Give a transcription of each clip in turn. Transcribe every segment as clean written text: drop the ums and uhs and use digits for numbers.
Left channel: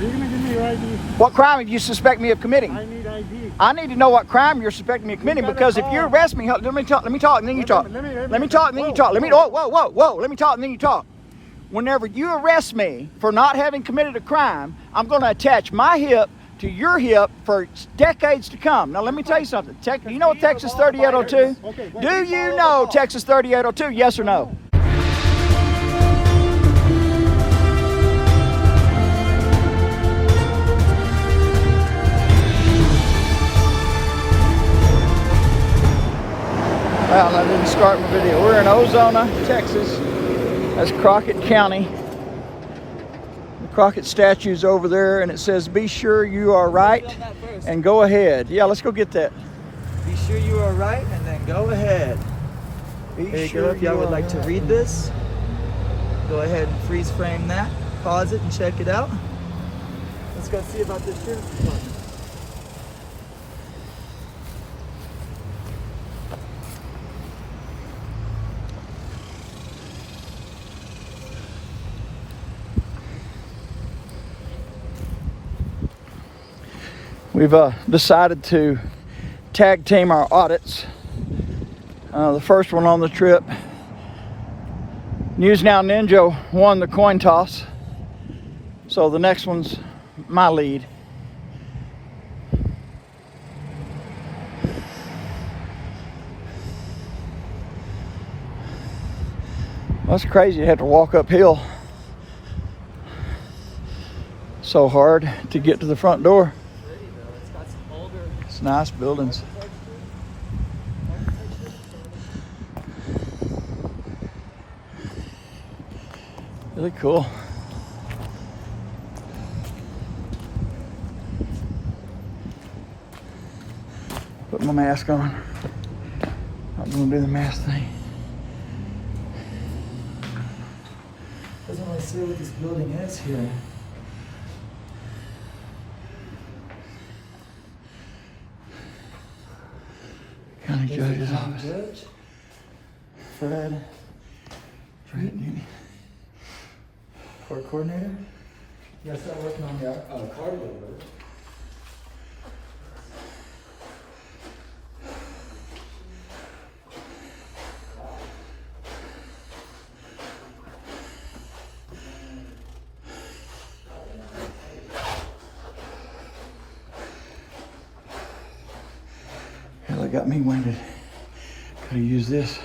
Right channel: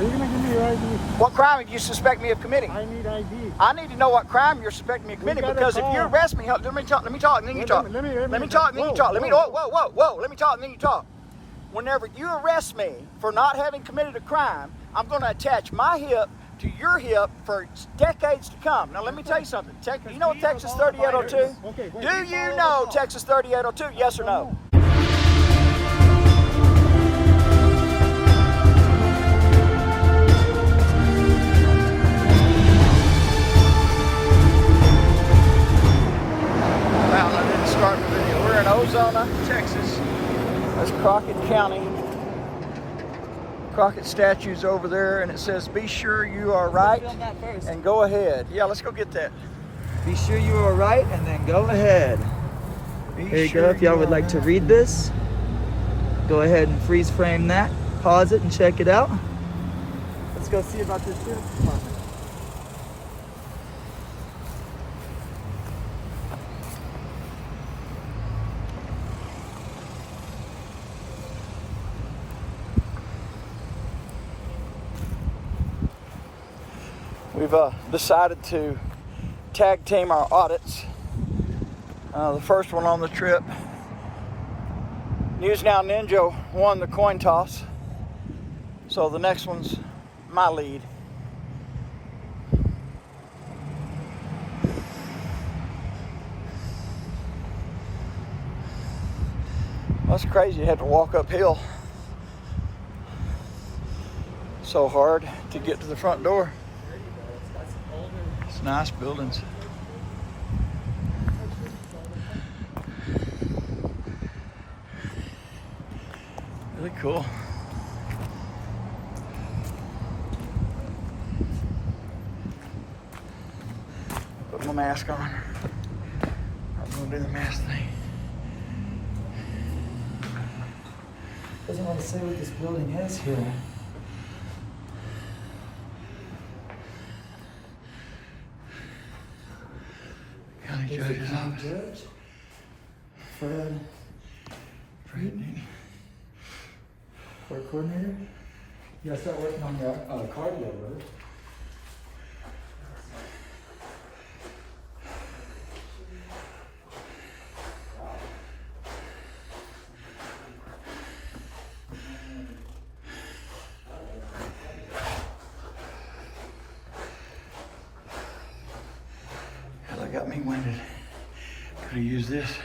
Are you gonna give me your ID? What crime do you suspect me of committing? I need ID. I need to know what crime you're suspecting me of committing, because if you arrest me, let me talk, and then you talk. Let me talk, and then you talk. Whoa, let me talk, and then you talk. Whenever you arrest me for not having committed a crime, I'm going to attach my hip to your hip for decades to come. Now let me tell you something. You know what Texas 3802? Okay, do you know Texas 3802? Yes or no? Well, I didn't start the video. We're in Ozona, Texas. That's Crockett County. Crockett statue's over there, and it says, "Be sure you are right and go ahead." Yeah, let's go get that. Be sure you are right, and then go ahead. There you go. If y'all would like to read this, go ahead and freeze frame that, pause it, and check it out. Let's go see about this sheriff's department. We've decided to tag team our audits. The first one on the trip, News Now Ninja won the coin toss, so the next one's my lead. That's crazy, you have to walk uphill so hard to get to the front door. It's nice buildings. Really cool. Put my mask on. I'm gonna do the mask thing. Doesn't want to say what this building is here. County Judge's office. Judge. Fred. Court coordinator. You gotta start working on your card loader. They got me winded. How to use this.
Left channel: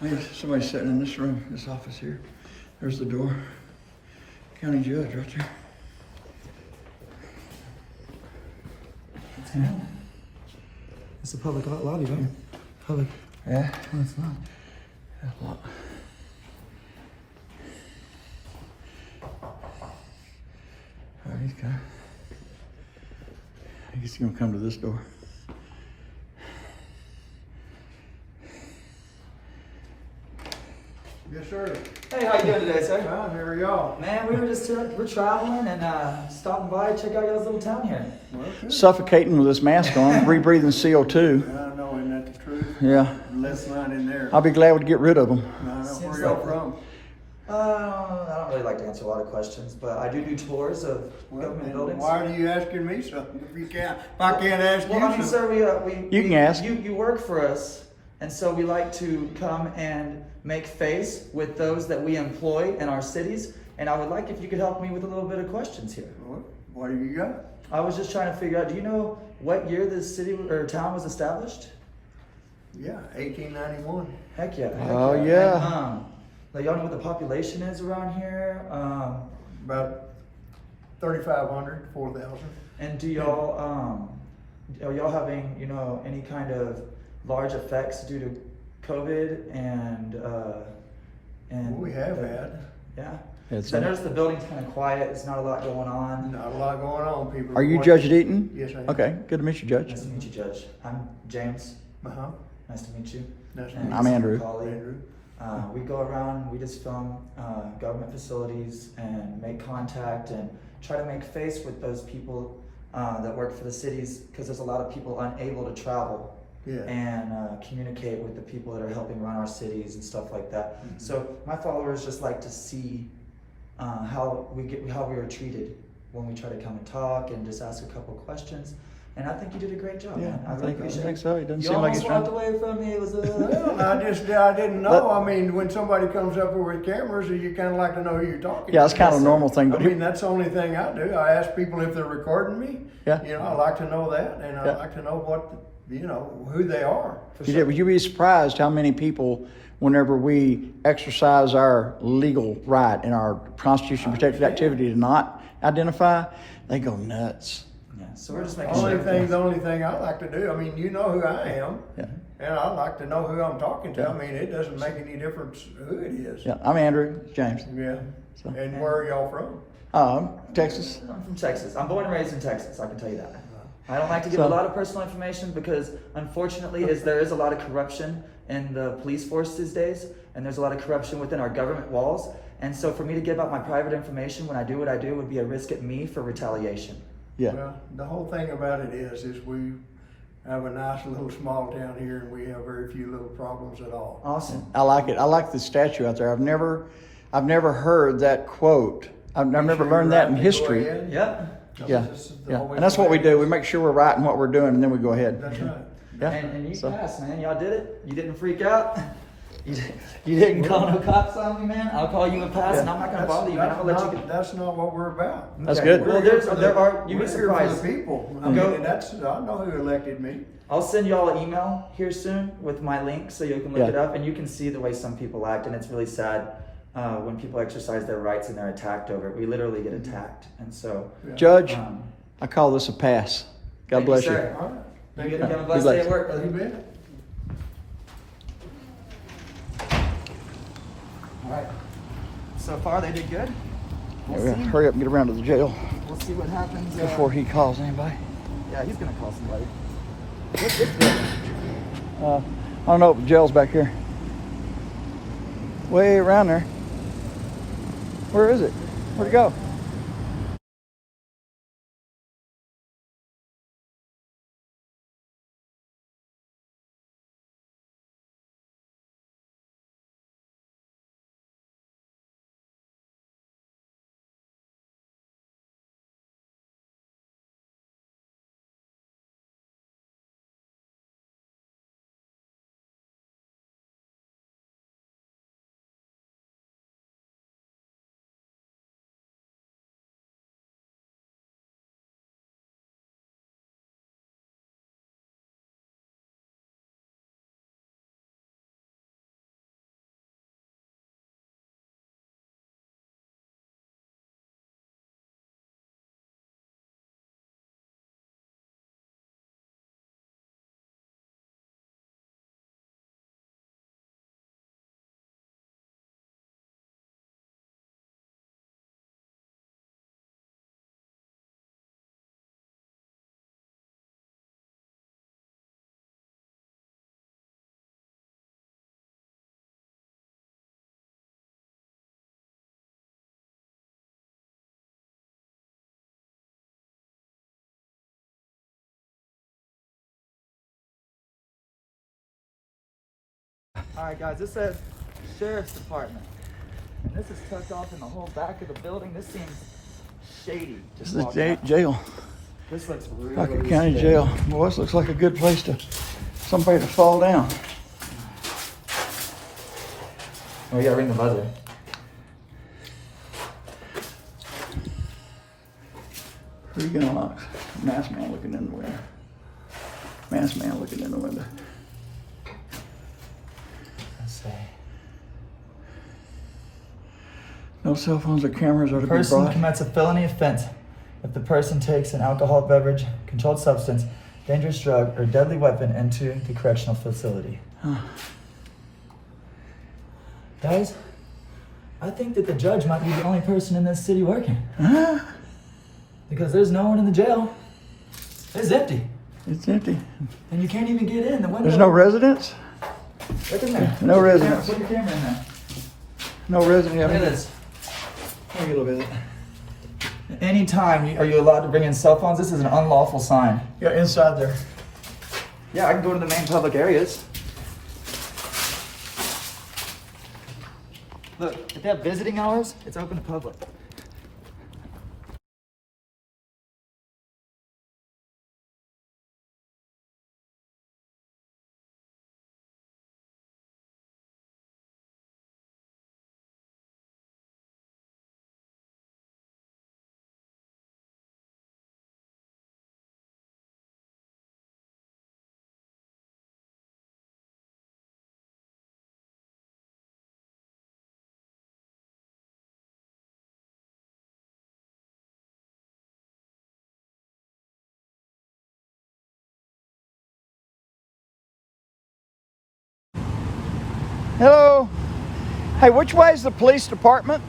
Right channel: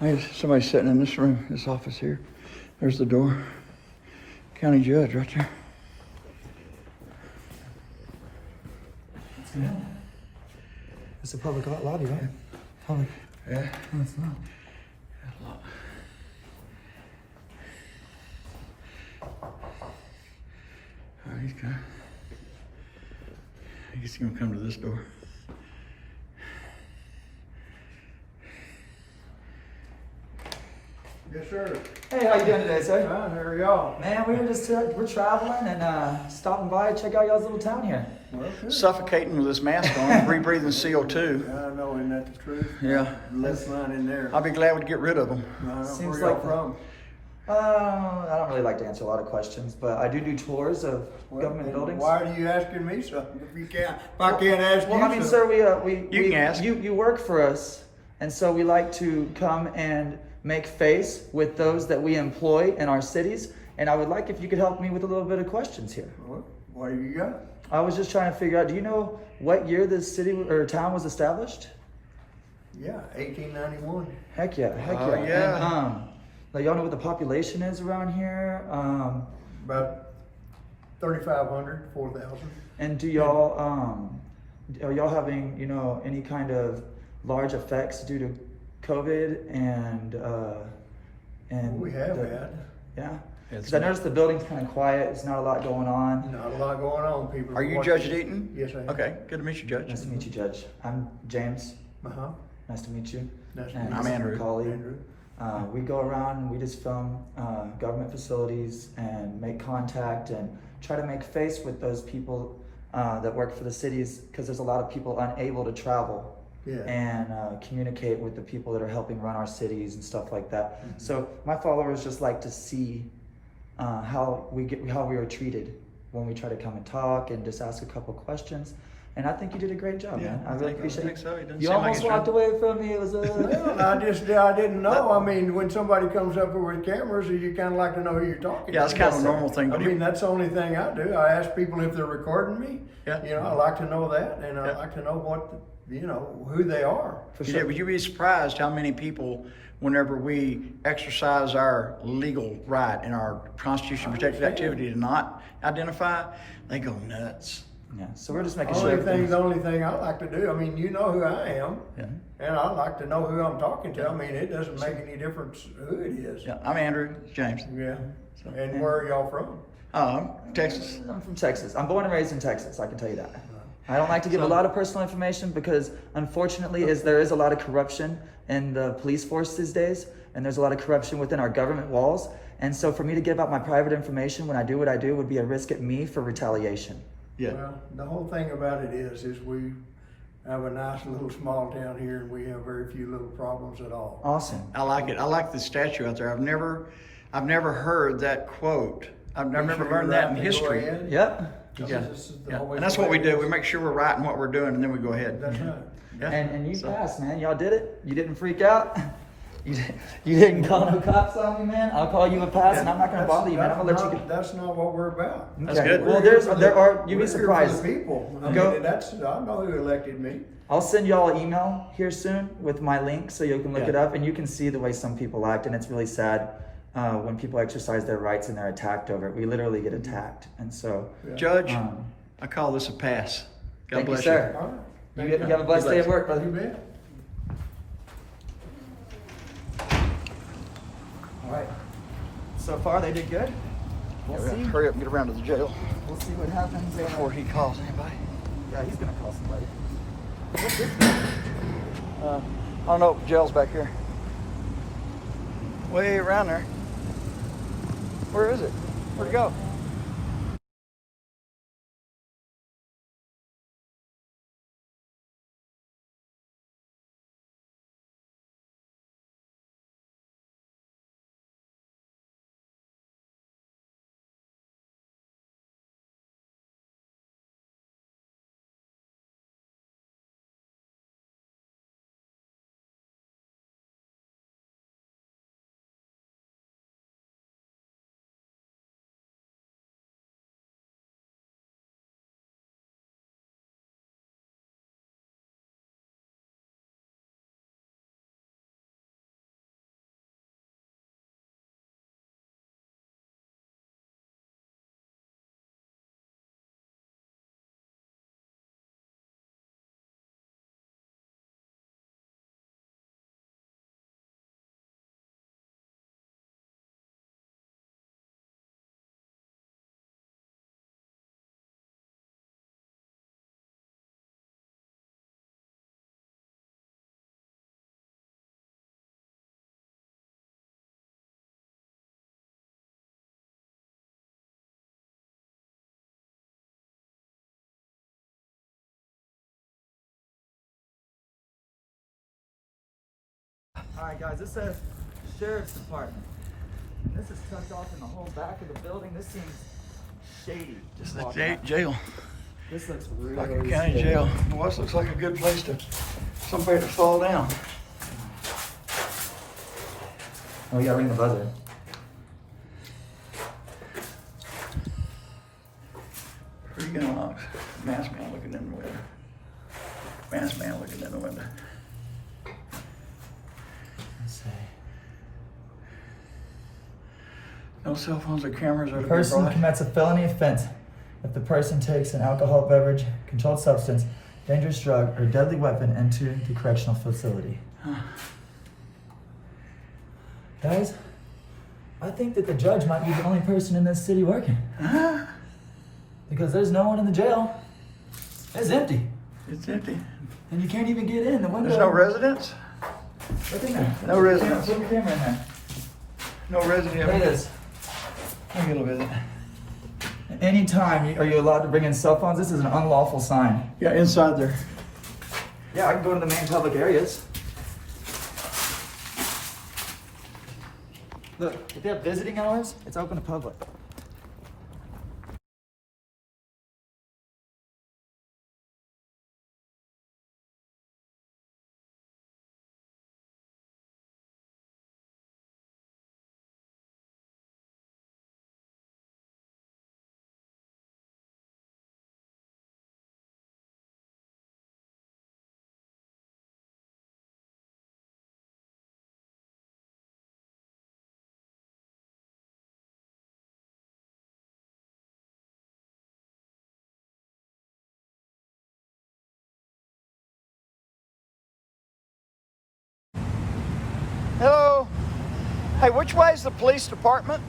There's somebody sitting in this room, this office here. There's the door. County Judge right there. It's a public lobby, right? Public. Yeah. Oh, it's not. That's a lot. Oh, he's kind of. I guess he's gonna come to this door. Yes, sir. Hey, how you doing today, sir? Fine, how are y'all? Man, we were just we're traveling and stopping by to check out y'all's little town here. Well, good. Suffocating with this mask on, rebreathing CO2. Yeah, I know, isn't that the truth? Yeah. Left mine in there. I'll be glad to get rid of them. I don't know Seems where y'all like- from. I don't really like to answer a lot of questions, but I do tours of Well, government then buildings. why are you asking me something if I can't ask Well, I mean, you sir, something? You can ask. You work for us, and so we like to come and make face with those that we employ in our cities. And I would like if you could help me with a little bit of questions here. What do you got? I was just trying to figure out, do you know what year this city or town was established? Yeah, 1891. Heck yeah. Heck Oh, yeah. And, now y'all know what the population is around here? About 3,500, 4,000. And do y'all, are y'all having, any kind of large effects due to COVID and We have had. Yeah. It's Because I noticed the building's kind of quiet. There's not a lot going on. Not a lot going on. People Are you watching. Judge Deaton? Yes, I am. Okay, good to meet you, Judge. Nice to meet you, Judge. I'm James. Uh-huh. Nice to meet you. Nice to And meet I'm this is Andrew. my colleague. Andrew. We go around and we just film government facilities and make contact and try to make face with those people that work for the cities, because there's a lot of people unable to travel and communicate with the people that are helping run our cities and stuff like that. So my followers just like to see how we are treated when we try to come and talk and just ask a couple questions. And I think you did a great job, man. I really appreciate it. So. It doesn't You seem like almost it's walked away from me. It was a Well, I didn't know. I mean, when somebody comes up with cameras, you kind of like to know who you're talking Yeah, to. it's kind of a normal thing to I do. mean, that's the only thing I do. I ask people if they're recording me. Yeah. You know, I like to know that, and I Yeah. like to know what, who they are. Would you be surprised how many people, whenever we exercise our legal right and our constitution protected activity to not identify, they go nuts. Yeah, so we're just making The sure. only thing I like to do, I mean, you know who I am, Yeah. and I like to know who I'm talking to. I mean, it doesn't make any difference who it is. Yeah, I'm Andrew James. Yeah. And where are y'all from? Texas. I'm from Texas. I'm born and raised in Texas, I can tell you that. I don't like to give a lot of personal information because unfortunately there is a lot of corruption in the police force these days, and there's a lot of corruption within our government walls. And so for me to give out my private information when I do what I do would be a risk at me for retaliation. Yeah. Well, the whole thing about it is we have a nice little small town here, and we have very few little problems at all. Awesome. I like it. I like the statue out there. I've never heard that quote. I've Make never sure learned you're that in right to go history. ahead. Yep. Yeah. This is the Yeah. always And that's the what way we it do. We is. make sure we're right in what we're doing, and then we go ahead. That's right. Yeah. And you So- passed, man. Y'all did it. You didn't freak out. You didn't call no cops on me, man. I'll call you and pass, and I'm not gonna bother you, man. I'm gonna let you get. That's not what we're about. That's Okay. good. Well, there are. You'd be We're here for surprised. the people. I Go. mean, I know who elected me. I'll send y'all an email here soon with my link so you can look Yeah. it up, and you can see the way some people act, and it's really sad when people exercise their rights and they're attacked over it. We literally get attacked, and so. Judge, Um, I call this a pass. God Thank you, bless you. sir. All right. You have a blessed day at work, You brother. bet. All right. So far, they did good. We'll see. Hurry up and get around to the jail We'll see what happens. before he calls anybody. Yeah, he's gonna call somebody. I don't know if the jail's back here. Way around there. Where is it? Where'd it go? All right, guys. This says Sheriff's Department, and this is tucked off in the whole back of the building. This seems shady. This Just is walking out. jail. This looks Crockett really County scary. Jail. Well, this looks like a good place to somebody to fall down. Oh, we gotta ring the buzzer. Who are you gonna lock? Masked man looking in the window. Masked man looking in the window. Let's see. No cell phones or cameras or Person commits a felony offense if the person takes an alcoholic beverage, controlled substance, dangerous drug, or deadly weapon into the correctional facility. Guys, I think that the judge might be the only person in this city working. Because there's no one in the jail. It's empty. It's empty. And you can't even get in the window. There's no residents? Look in there. No residents. Put your camera in there. No resident. Look at this. Let me get a little bit. Anytime, are you allowed to bring in cell phones? This is an unlawful sign. Yeah, inside there. Yeah, I can go to the main public areas. Look, if they have visiting hours, it's open to public. Hello. Hey, which way is the police department?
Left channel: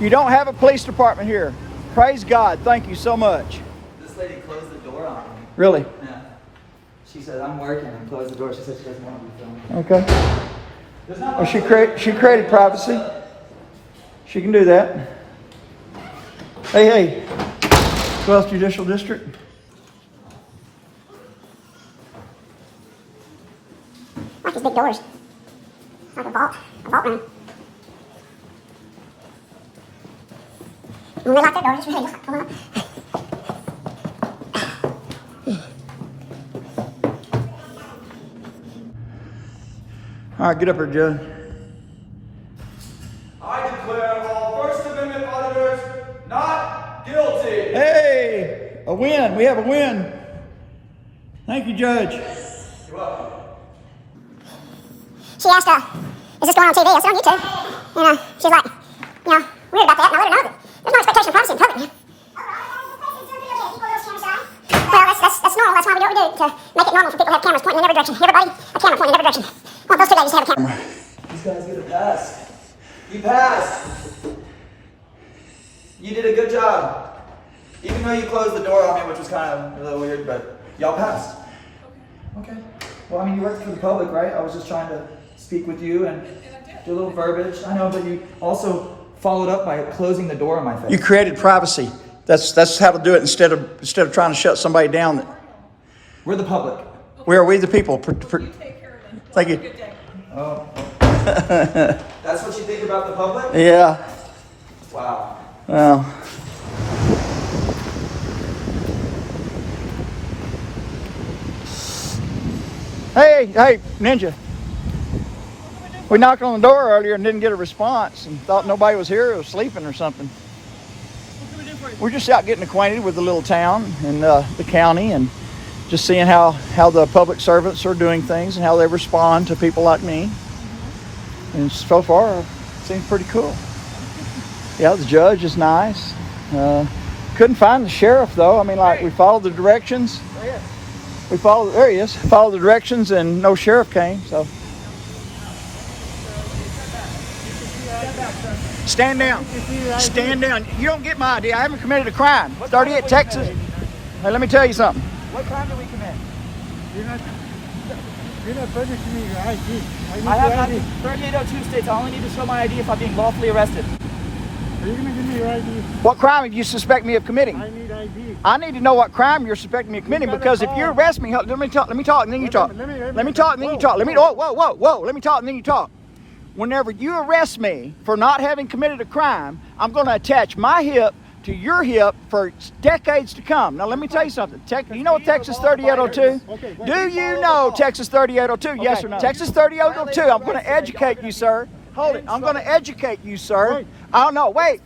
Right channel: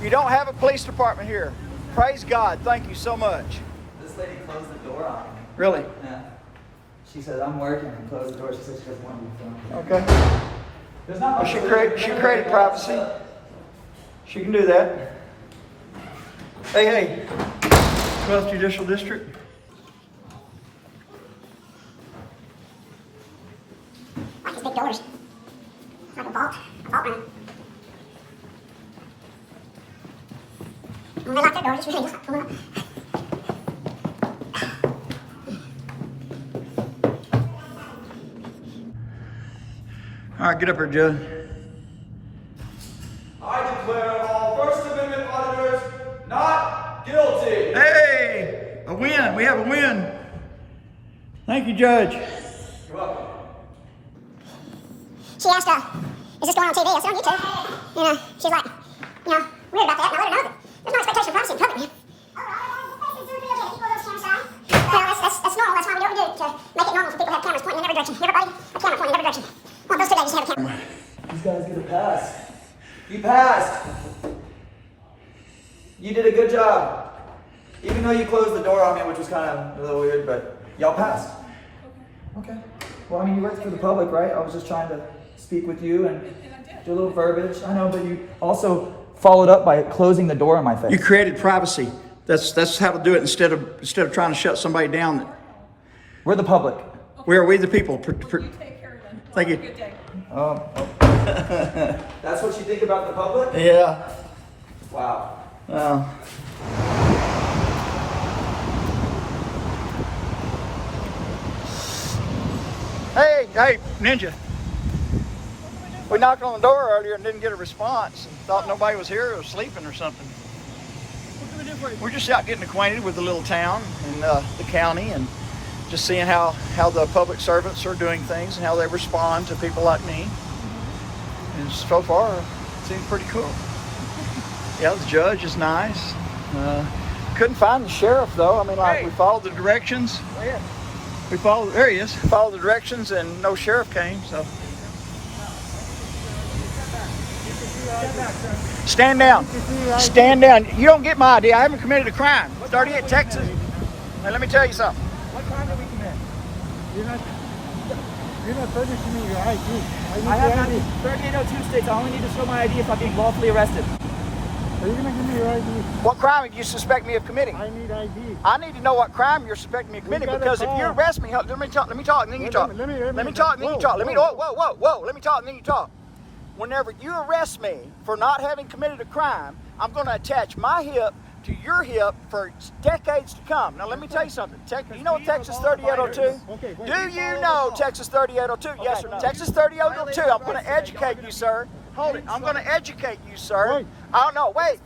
You don't have a police department here. Praise God. Thank you so much. This lady closed the door on me. Really? Yeah. She said, I'm working, and closed the door. She said she doesn't want me filming. Okay. There's not Well, much she created privacy. She can do that. Hey, 12th Judicial District. Like these big doors. It's like a vault room. When they lock that door, just really come up. All right, get up here, Judge. I declare all First Amendment auditors not guilty. Hey, a win. We have a win. Thank you, Judge. You're welcome. She asked, is this going on TV? I said, on YouTube. And she's like, weird about that. And I let her know that there's no expectation of privacy in public here. Well, that's normal. That's why we do what we do, to make it normal for people to have cameras pointing in every direction. Everybody, a camera pointing in every direction. Well, those two ladies have a camera. These guys get a pass. You passed. You did a good job. Even though you closed the door on me, which was kind of a little weird, but y'all passed. Okay. Well, I mean, you worked for the public, right? I was just trying to speak with you and do a little verbiage. I know, but you also followed up by closing the door in my face. You created privacy. That's how to do it instead of trying to shut somebody down. We're the public. We are we the people. You take care of them. Thank you. Have a good day. Oh. That's what you think about the public? Yeah. Wow. Well. Hey, Ninja. We knocked on the door earlier and didn't get a response and thought nobody was here or was sleeping or something. What can we do for you? We're just out getting acquainted with the little town and the county and just seeing how the public servants are doing things and how they respond to people like me. And so far, it seems pretty cool. Yeah, the judge is nice. Couldn't find the sheriff though. I mean, like we followed the directions. There he is. Followed the directions and no sheriff came, so. Stand down. Stand down. You don't get my ID. I haven't committed a crime. 38 Texas. Hey, let me tell you something. What crime did we commit? You're not furnishing me your ID. I have ID. 3802 states I only need to show my ID if I'm being lawfully arrested. Are you going to give me your ID? What crime do you suspect me of committing? I need ID. I need to know what crime you're suspecting me of committing got a because if you call. arrest me, let me talk, and then you talk. Let me talk, and then you talk. Let me whoa. whoa. Let me talk, and then you talk. Whenever you arrest me for not having committed a crime, I'm going to attach my hip to your hip for decades to come. Now let me tell you something. You know what Texas 3802? Okay, wait. Do you know Texas 3802? Yes or no? Texas 3802. I'm going to educate you, sir. Hold it. I'm going to educate you, sir. Wait. I don't know. Wait.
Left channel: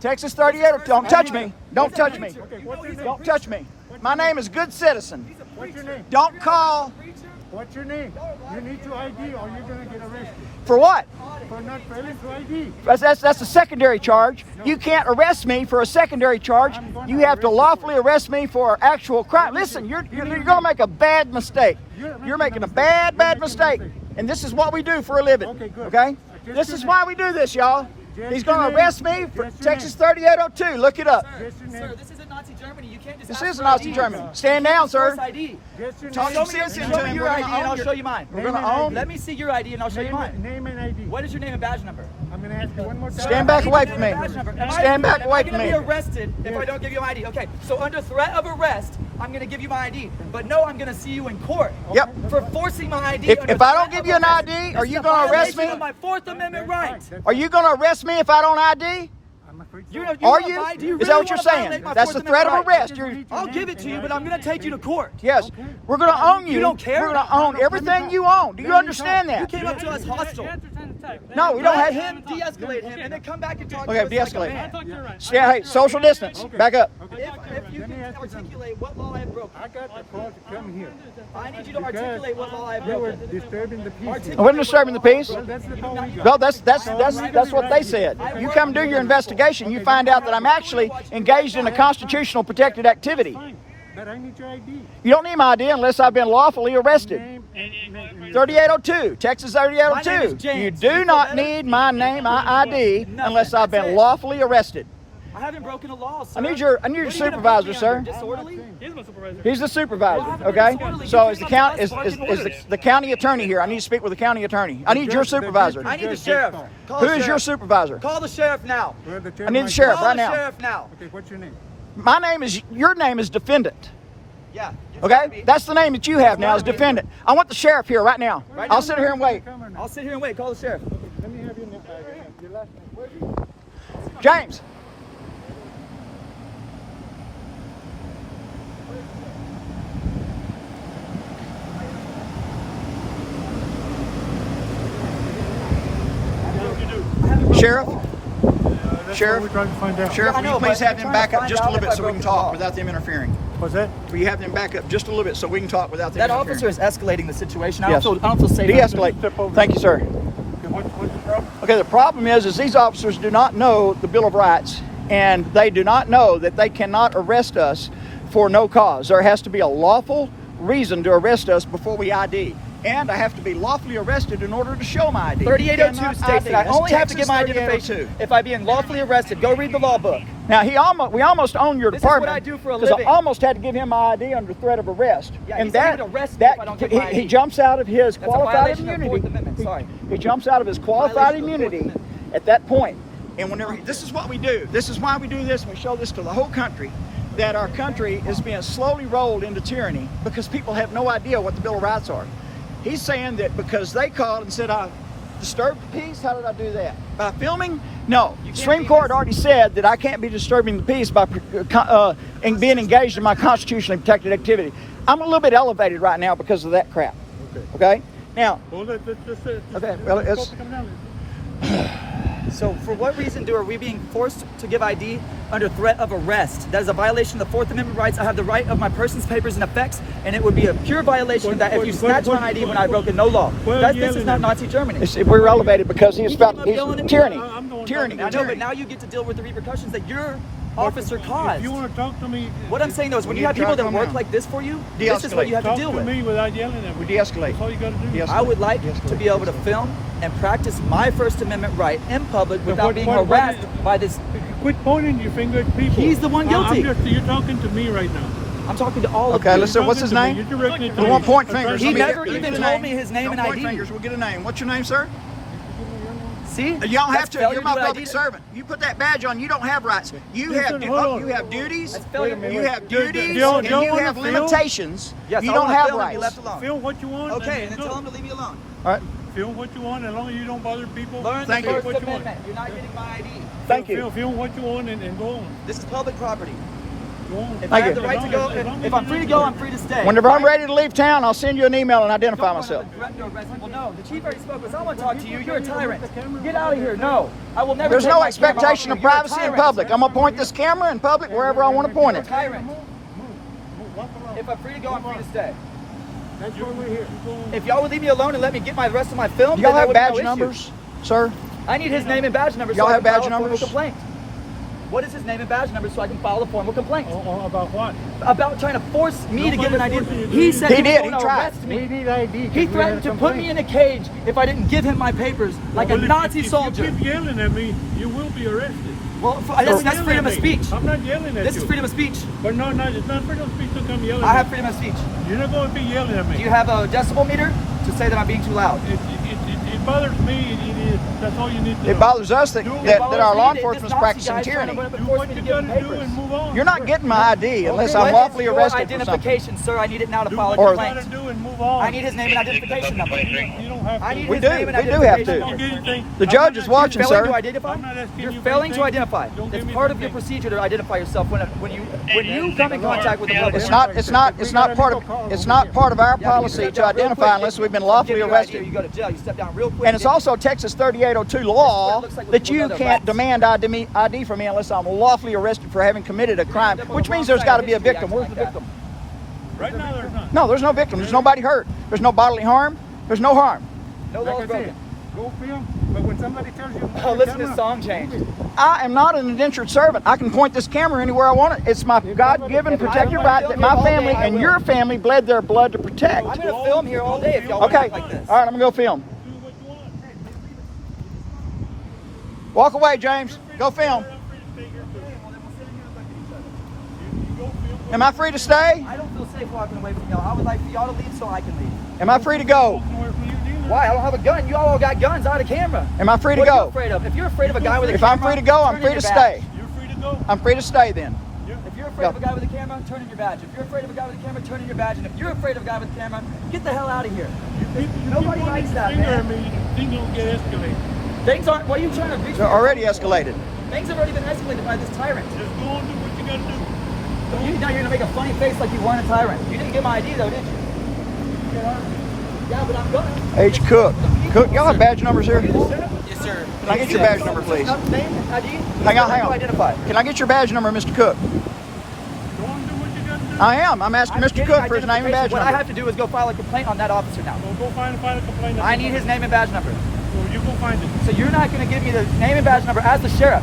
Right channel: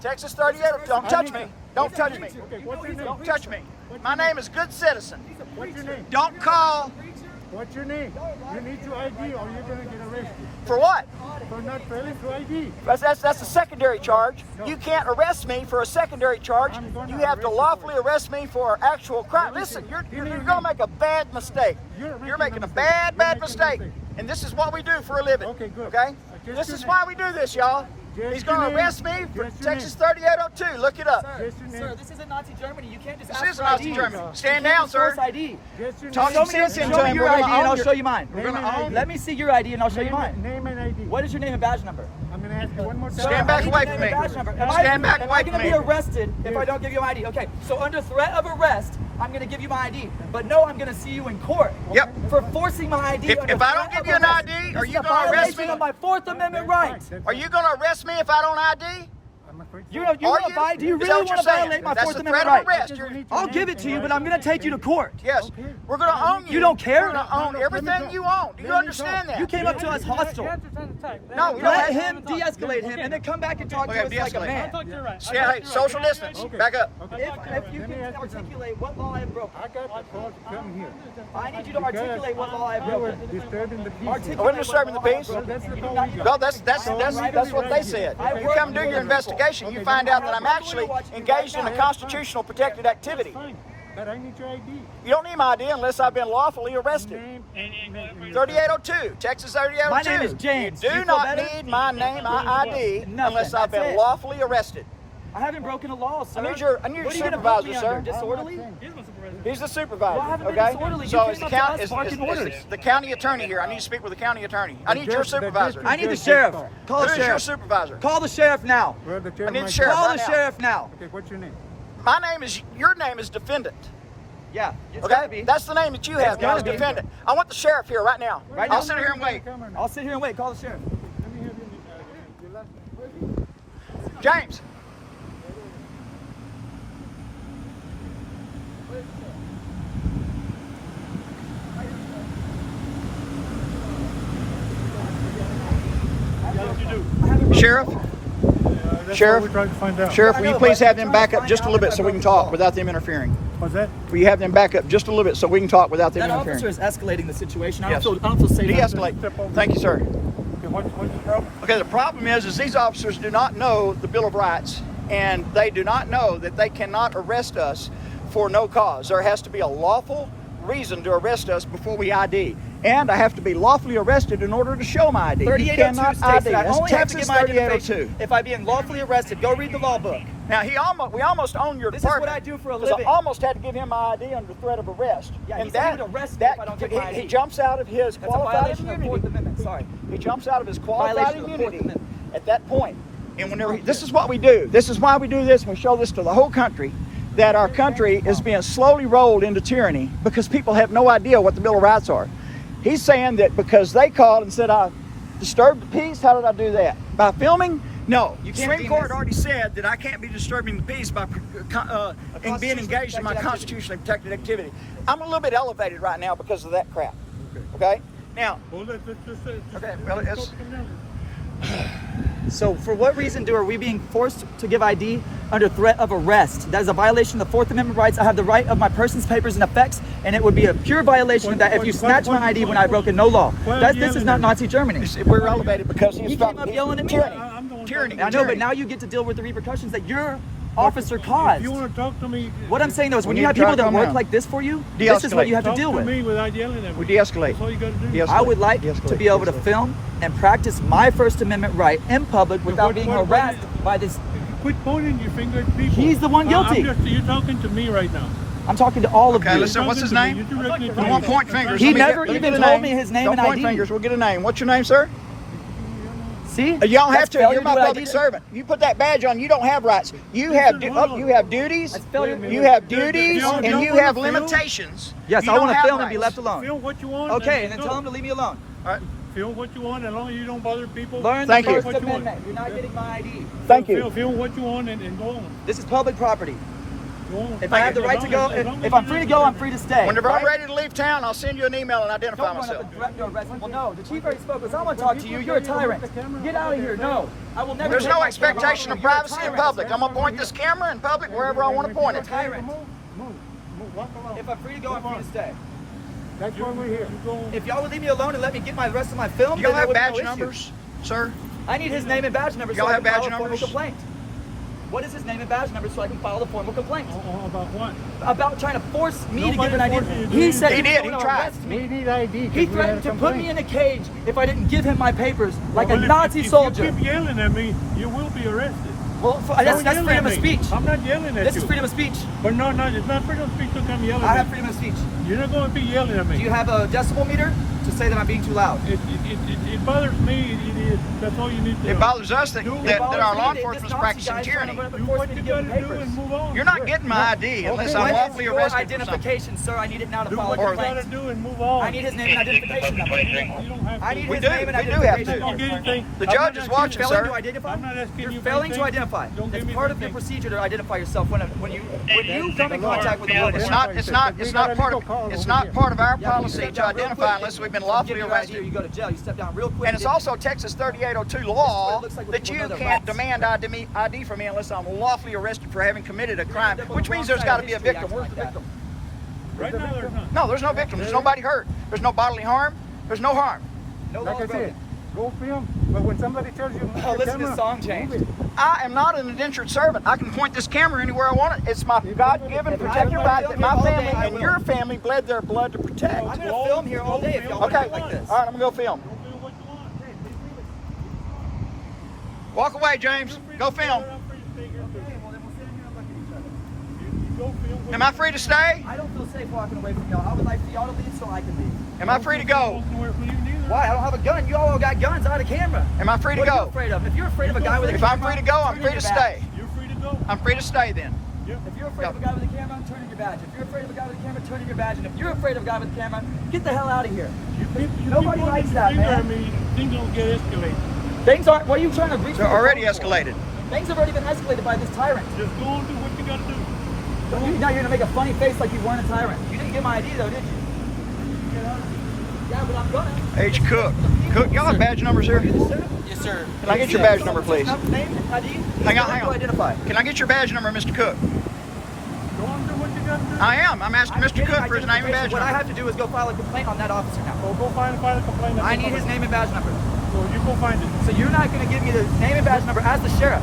Texas 3802. Don't touch me. Don't touch me. Okay, what's your name? Don't touch me. My name is Good Citizen. What's your name? Don't call. What's your name? You need to ID or you're going to get arrested. For what? For not failing to ID. That's a secondary charge. You can't arrest me for a secondary charge. I'm gonna You have to arrest you lawfully for it. arrest me for actual crime. Listen, you're going to make a bad mistake. You're making a mistake. bad You're making a mistake. mistake. And this is what we do for a living. Okay, good. Okay? Just This your is name. why we do this, y'all. Just He's your going to name. arrest me for Just your Texas 3802. Look it up. Just your name. Sir, this isn't Nazi Germany. You can't just This ask is for Nazi ID. Germany. Stand down, sir. Force ID. Just your Talk name. some sense into Show me him. your We're going ID to and own I'll your... show you mine. We're going to own... Let me see your ID and I'll show you mine. Name and ID. What is your name and badge number? I'm going to ask you one more time. Stand back away from me. Stand back away Am I from going me. to be arrested if I don't give you my ID? Okay, so under threat of arrest, I'm going to give you my ID. But no, I'm going to see you in court. Yep. For forcing my ID. If I don't give you an ID, are you going to arrest me? Of my Fourth Amendment rights. Are you going to arrest me if I don't ID? I'm afraid so. You Are wanna you? vi- do you Is really that what you're wanna saying? violate my That's Fourth the threat of Amendment arrest. rights? need your I'll name give it to you, and but I'm going to take you to court. Yes. Okay. We're going to own you. You don't care? We're going to own everything you own. Do you understand that? You came up to us hostile. No, we don't Let have him de-escalate him and then come back and talk to Okay, us like a de-escalate. man. Yeah, hey, social distance. Back up. If you Let me can ask you something. articulate what law I have broken, I got the call to come here I need you to because articulate what law I have you were broken. disturbing the peace here. We're disturbing the peace. Well, that's the call we got. Well, that's what they said. You come do your investigation, you find out that I'm actually engaged in a constitutional protected activity. Fine, but I need your ID. You don't need my ID unless I've been lawfully arrested. Name and 3802, Texas My name is 3802. James. You You do feel not better? need my name, my ID, Nothing. unless I've That's been it. lawfully arrested. I haven't broken a law, sir. I need your What are you gonna put supervisor, me sir. under? Disorderly? He's the supervisor, Well, I haven't been okay? disorderly. So You is the came up county to us barking orders. is the county attorney here? I need to speak with the county attorney. I need your judge- the supervisor. district I need the judge sheriff. call. Call Who the is your sheriff. supervisor? Call the sheriff now. Well, the chair I need might the sheriff. go. Call right the now. sheriff now. Okay, what's your name? Your name is defendant. Yeah. it's gotta Okay? be. That's the name that you have now is defendant. I want the sheriff here right now. I'll sit here and wait. I'll sit here and wait. Call the sheriff. Let me have your name. Your last name. James. Sheriff, That's Sheriff? what we're trying to find out. Sheriff, I will you know, please but have I'm them trying to back up find just a out little if bit I so we can broke the talk law. without them interfering? What's that? Will you have them back up just a little bit so we can talk without them That interfering? officer is escalating the situation. Yes. I don't feel safe. De-escalate. Thank you, sir. Okay, what's the problem? Okay, the problem is these officers do not know the Bill of Rights, and they do not know that they cannot arrest us for no cause. There has to be a lawful reason to arrest us before we ID. And I have to be lawfully arrested in order to show my ID. You 3802 cannot states that I That's only have to Texas give my 3802. identification if I be unlawfully arrested. Go read the law book. Now, we almost own your This is what department. I do for a Because I living. almost had to give him my ID under threat of arrest. Yeah, and he's not that, gonna arrest me if I don't give my he ID. jumps out of his That's a qualified violation of the immunity. Fourth Amendment. Sorry. He jumps out of his qualified Violation of the Fourth immunity Amendment. at that point. And whenever this is what we do. This is why we do this. We show this to the whole country, that our country is being slowly rolled into tyranny because people have no idea what the Bill of Rights are. He's saying that because they called and said I disturbed the peace. How did I do that? By filming? No. You can't Supreme be Court already said that I can't be disturbing the peace by being engaged in my constitutionally protected activity. I'm a little bit elevated right now because of that crap. Okay? Now, Well, okay, well, it's, So for what reason are we being forced to give ID under threat of arrest? That is a violation of the Fourth Amendment rights. I have the right of my person's papers and effects, and it would be a pure violation that if you snatch my ID when I broken no law. This is not Nazi Germany. we're elevated because he's about keep yelling at me. tyranny. I'm the one Tyranny. I know, but Tyranny. now you get to deal with the repercussions that your officer caused. If you want to talk to me, What I'm saying though is when We you need have to try people to that calm work down. like this for you, this is what De-escalate. you have to talk deal to with. me without yelling at me. We de-escalate. That's all you got to do. De-escalate. I would like De-escalate. to be able to De-escalate. film and practice my First Amendment right in public without being harassed by this. Quit pointing your finger at people. He's the one guilty. You're talking to me right now. I'm talking to all of Okay, you. let's see. What's his name? You're directing it to We me. won't point fingers. He Let me never let me even get a told name. me his name Don't and point ID. fingers. We'll get a name. What's your name, sir? See? You don't have That's to. failure You're my to public ID. servant. You put that badge on. You don't have rights. You have Listen, hold on. you have duties. failure. You have duties, Don't- and don't you wanna have film? limitations. Yes, you I don't want to have film and be rights. left alone. Film what you want. Okay, and then go. tell him to leave me alone. All right. Film what you want, as long as you don't bother people. Learn Thank the you. First What you want. Amendment. You're not getting my ID. Thank you. Film what you want and go on. This is public property. Go on. If I have the As right long to go, as- as long as if I'm you free to don't go, I'm disturb free to stay. Whenever I'm ready to leave town, I'll send you an email and identify myself. Well, no, the chief already spoke. I want to talk to you. You're a tyrant. Get out of here. No, I will never. There's take no my expectation camera. of You're a privacy in tyrant. public. I'm gonna point this camera in public wherever I want to point it. Move. Walk along. If I'm free to go, I'm free to stay. That's why we're here. Go on. If y'all would leave me alone and let me get my rest of my film, Do y'all then there have would be no badge issue. numbers, sir? I need his name and badge number. Y'all so I have can badge file a formal numbers? complaint. What is his name and badge number so I can file a formal complaint? About what? About trying to force me to Nobody give an ID. forced you to do He it. said He he did. was He going to tried. arrest me. We need ID He because we had threatened a to put me complaint. in a cage if I didn't give him my papers, like a Well, Nazi if soldier. you keep yelling at me, you be arrested. Well, that's freedom of speech. I'm not yelling at you. This is freedom of speech. But no, it's not freedom of speech to come yelling I at have me. freedom of speech. You're not going to be yelling at me. Do you have a decibel meter to say that I'm being too loud? It bothers me. It is. That's all you need to know. It bothers us that, Do- that our law This enforcement's Nazi practicing guy's trying tyranny. to Do what you got to do and move on. You're not getting my ID unless I'm lawfully arrested for something. Identification, sir. I need it now to Do file a what you got to complaint. do and move on. I need his name and identification number. You don't have to. I need We his do. name and We do have identification to. I'm not number. getting anything. The judge is watching, You're failing sir. to identify? I'm not asking you You're for failing to anything. identify. Don't give It's me part of your anything. procedure to identify yourself when you come in the law. contact with the law It's enforcement. not part of our Yeah, you policy step to down real identify quick, unless we've been give lawfully your ID or arrested. You go to jail. You step down real quick. And it's also Texas 3802 law that you can't demand ID from me unless I'm lawfully arrested for having committed a crime, which means there's got to be a victim. Where's the victim? Right now, there's none. No, there's no victim. There's nobody hurt. There's no bodily harm. There's no harm. No Like law I said, broken. go film. But when somebody tells you, Oh, listen to the song change. I am not an indentured servant. I can point this camera anywhere I want it. It's my God-given protected right that my family and your family bled their blood to protect. I'm going to film here all day if y'all want to Okay, act like this. all right, I'm gonna go film. do what you want. Walk away, James. Go film. You go film. Am I free to stay? I don't feel safe walking away from y'all. I would like for y'all to leave so I can leave. Am I free to go? Walk nowhere from you neither. Why? I don't have a gun. You all got guns out of camera. Am I free to What are you go? afraid of? If you're afraid of a guy with a If camera, I'm free to go, I'm turn free in to your badge. stay. You're free to go. I'm free to stay then. Yeah. If you're afraid of a guy with a camera, turn in your badge. If you're afraid of a guy with a camera, turn in your badge. And if you're afraid of a guy with a camera, get the hell out of here. Nobody keep likes pointing that, your finger at man. me, things don't get escalated. Things aren't. What are you trying to reach? They're already escalated. Things have already been escalated by this tyrant. Just go and do what you got to do. Now you're gonna make a funny face like you weren't a tyrant. You didn't get my ID though, did you? Yeah, but I'm gonna. H. Cook. Cook, y'all have badge numbers here? Yes, sir. Can I get your badge number, please? Name, ID? Hang on. Identify. Can I get your badge number, Mr. Cook? Go and do what you got to do. I am. I'm asking Mr. Cook for his name and badge What I number. have to do is go file a complaint on that officer now. So go find a complaint. I need his name and badge number. So you go find it. So you're not going to give me the name and badge number as the sheriff.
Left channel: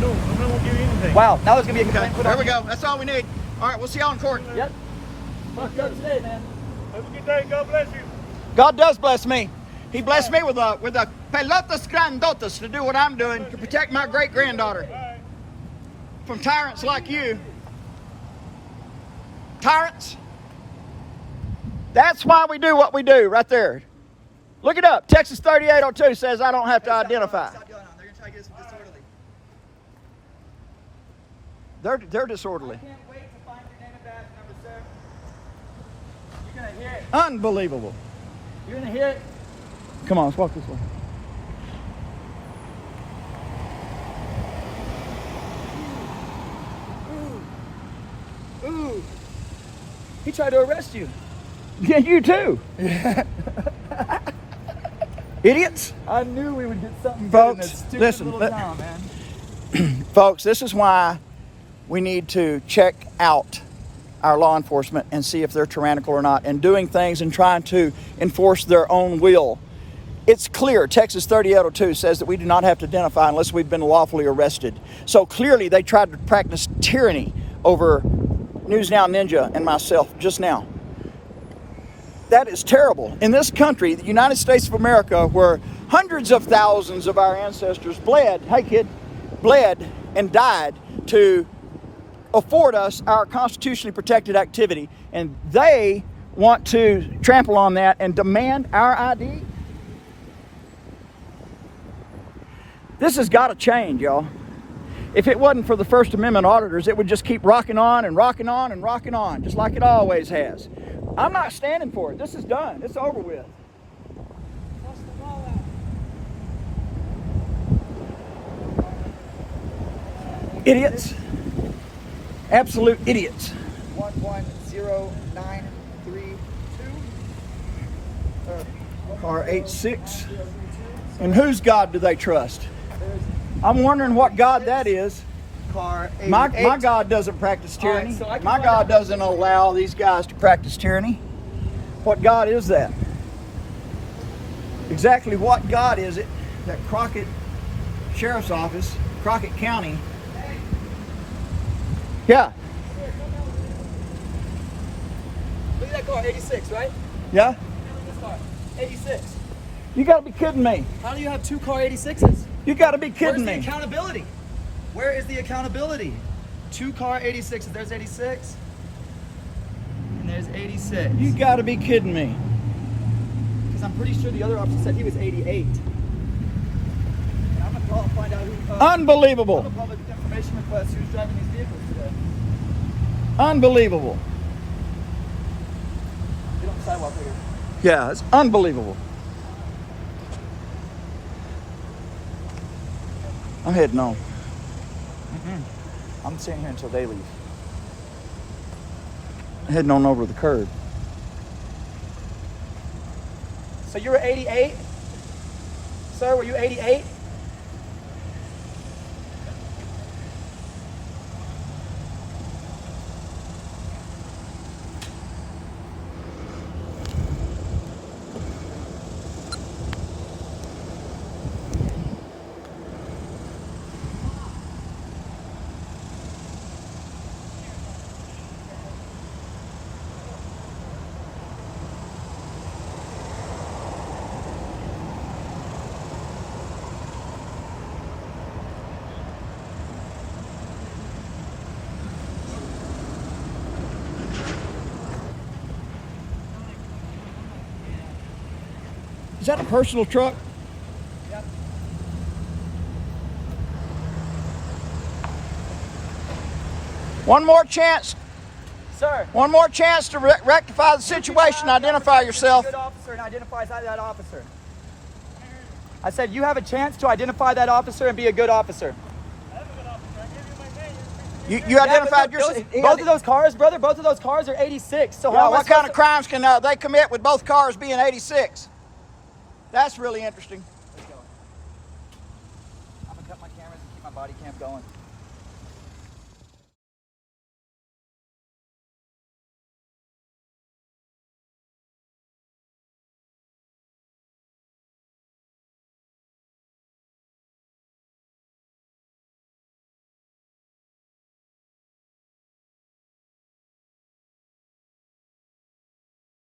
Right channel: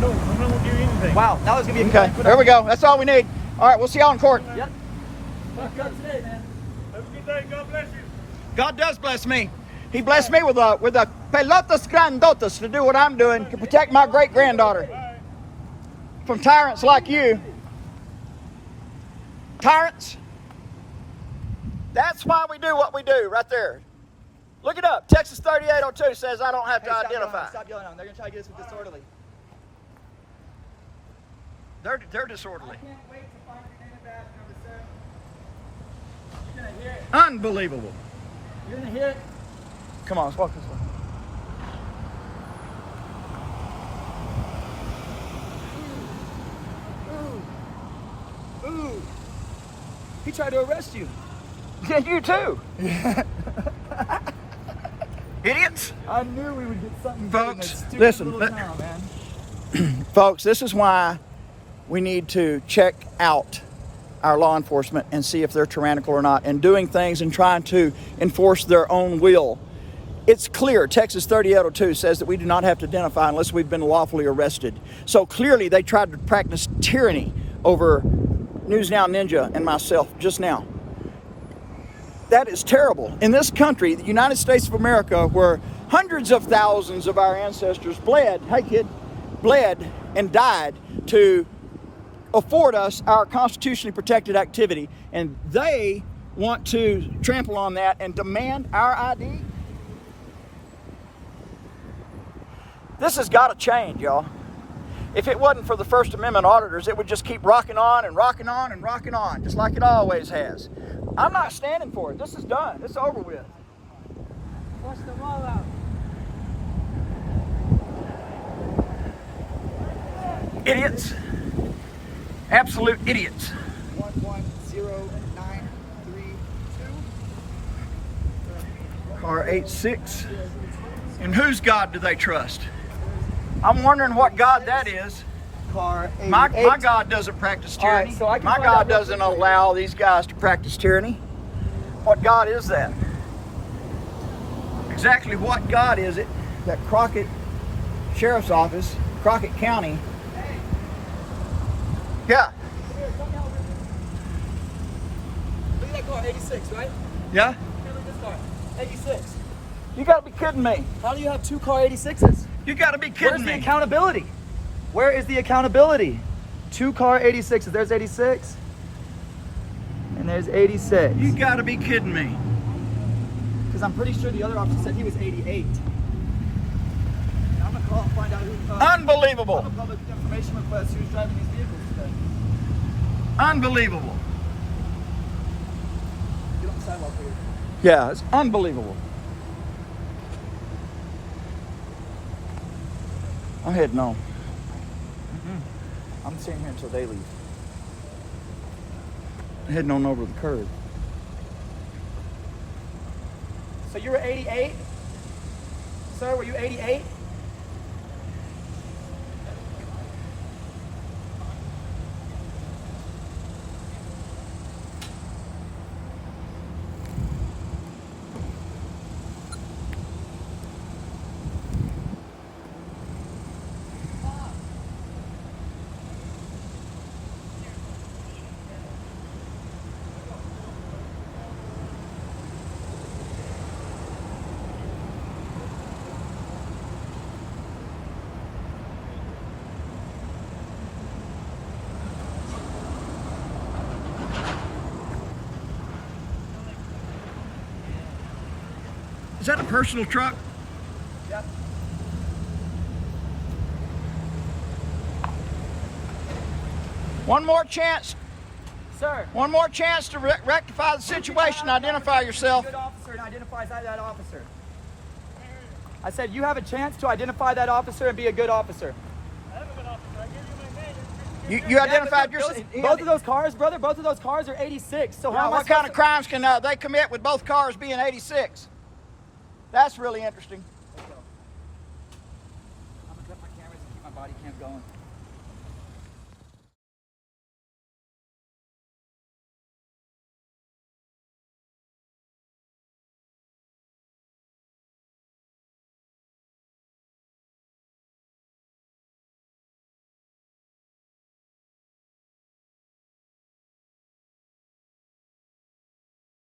No, I'm not going to give you anything. Wow, now it's going to be a Okay, complaint. there we go. That's all we need. All right, we'll see y'all in court. Yep. Fuck up today, man. Have a good day. God bless you. God does bless me. He blessed me with a pelotas grandotas to do what I'm doing to protect my great-granddaughter Bye. from tyrants like you. Tyrants. That's why we do what we do right there. Look it up. Texas 3802 says I don't have to identify. Stop yelling at them. They're going to try to get us disorderly. They're disorderly. I can't wait to find your name and badge number, sir. You're going to hear it. Unbelievable. You're going to hear it. Come on, let's walk this way. Ooh. He tried to arrest you. Yeah, you too. Idiots. I knew we would get something Folks, good in this stupid listen, little let- town, man. Folks, this is why we need to check out our law enforcement and see if they're tyrannical or not, and doing things and trying to enforce their own will. It's clear, Texas 3802 says that we do not have to identify unless we've been lawfully arrested. So clearly they tried to practice tyranny over News Now Ninja and myself just now. That is terrible. In this country, the United States of America, where hundreds of thousands of our ancestors bled, hey kid, bled and died to afford us our constitutionally protected activity, and they want to trample on that and demand our ID? This has got to change, y'all. If it wasn't for the First Amendment auditors, it would just keep rocking on and rocking on and rocking on, just like it always has. I'm not standing for it. This is done. It's over with. Watch the wall out. Idiots. Absolute idiots. 110932. Car 86. And whose God do they trust? I'm wondering what God that is. Car 88. My God doesn't practice tyranny. so I can My find God out- doesn't allow these guys to practice tyranny. What God is that? Exactly what God is it that Crockett Sheriff's Office, Crockett County? Yeah. Look at that car, 86, right? Yeah? This car, 86. You gotta be kidding me. Why do you have two car 86s? You gotta be Where's kidding the me. accountability? Where is the accountability? 2 car 86s. There's 86. And there's 86. You gotta be kidding me. Because I'm pretty sure the other officer said he was 88. Unbelievable. Public information request who's driving these vehicles today. Unbelievable. Get on the sidewalk over there. Yeah, it's unbelievable. I'm heading on. I'm staying here until they leave. I'm heading on over the curb. So you were 88? Sir, were you 88? Is that a personal truck? One more chance. Sir. One more chance to rectify the situation. Identify yourself. Good officer and identifies that officer. I said you have a chance to identify that officer and be a good officer. I am a good officer. I gave you my name. You identified yourself. Both of those cars, brother, both of those cars are 86. So Yeah, what kind of crimes can they commit with both cars being 86? That's really interesting. Let's go. I'm gonna cut my cameras and keep my body cam going.